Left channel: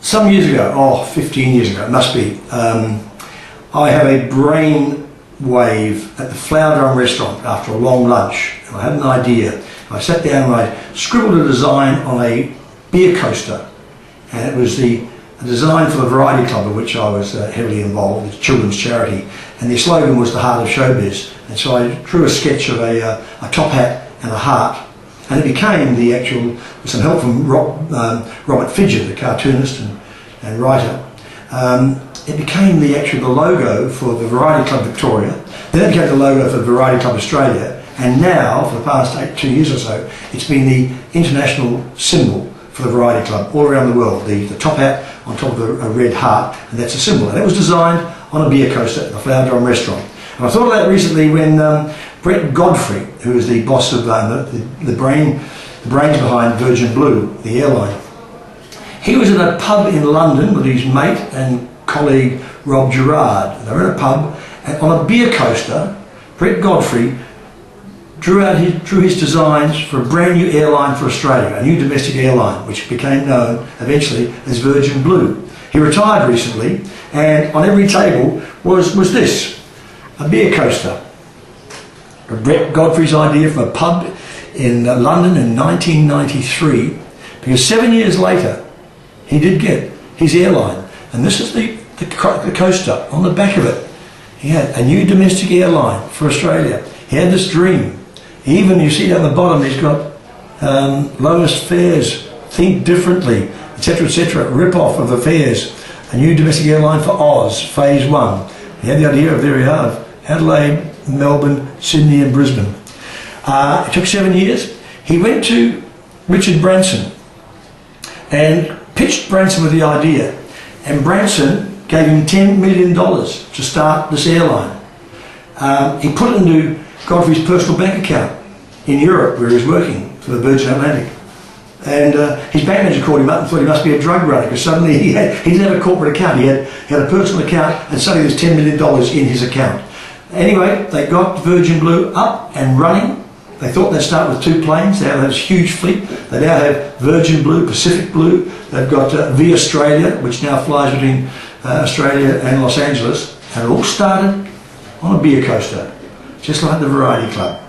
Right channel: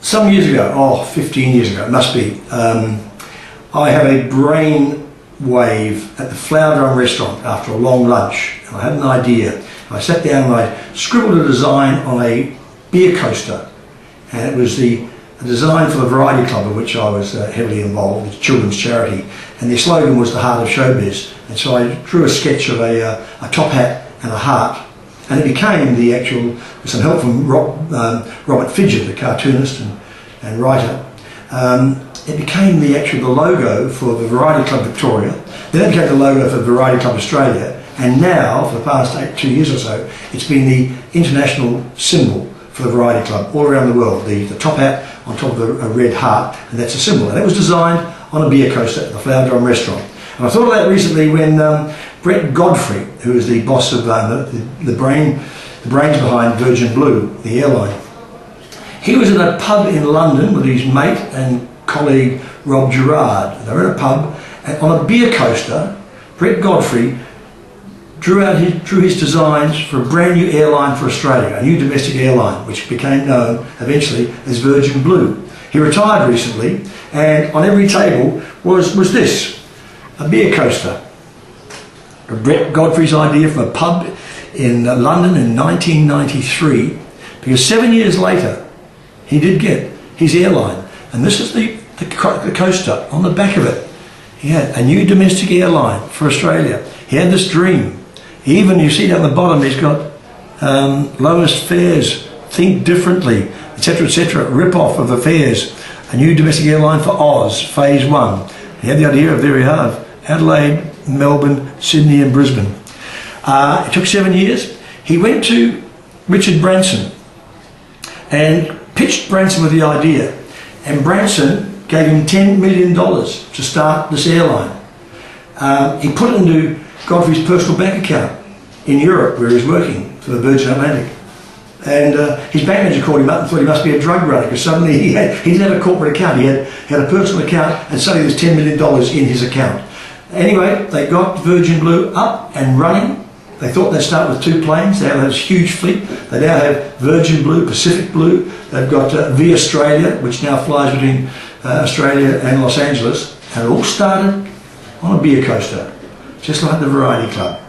Some years ago, 15 years ago it must be, I had a brain wave at the Flower Drum restaurant after a long lunch, and I had an idea. I sat down and I scribbled a design on a beer coaster, and it was a design for the Variety Club, of which I was heavily involved. It's a children's charity, and their slogan was the heart of showbiz. And so I drew a sketch of a top hat and a heart, and it became the actual, with some help from Robert Fidget, the cartoonist and writer, it became the logo for the Variety Club Victoria. Then it became the logo for the Variety Club Australia, and now, for the past 2 years or so, it's been the international symbol for the Variety Club all around the world. The top hat on top of a red heart, and that's a symbol. And it was designed on a beer coaster at the Flower Drum restaurant. And I thought of that recently when Brett Godfrey, who is the boss of the brains behind Virgin Blue, the airline, he was at a pub in London with his mate and colleague Rob Gerard. They were in a pub, and on a beer coaster, Brett Godfrey drew his designs for a brand new airline for Australia, a new domestic airline, which became known eventually as Virgin Blue. He retired recently, and on every table was this, a beer coaster. Brett Godfrey's idea for a pub in London in 1993, because 7 years later he did get his airline, and this is the coaster. On the back of it he had a new domestic airline for Australia. He had this dream. Even, you see down the bottom, he's got lowest fares, think differently, etc., rip-off of the fares. A new domestic airline for Oz, phase 1. He had the idea of, there we have, Adelaide, Melbourne, Sydney and Brisbane. It took 7 years. He went to Richard Branson and pitched Branson with the idea, and Branson gave him $10 million to start this airline. He put it into Godfrey's personal bank account in Europe, where he was working for the Virgin Atlantic. And his bank manager called him up and thought he must be a drug runner, because suddenly he didn't have a corporate account. He had a personal account, and suddenly there's $10 million in his account. Anyway, they got Virgin Blue up and running. They thought they'd start with 2 planes. They have this huge fleet. They now have Virgin Blue, Pacific Blue. They've got V Australia, which now flies between Australia and Los Angeles. And it all started on a beer coaster, just like the Variety Club.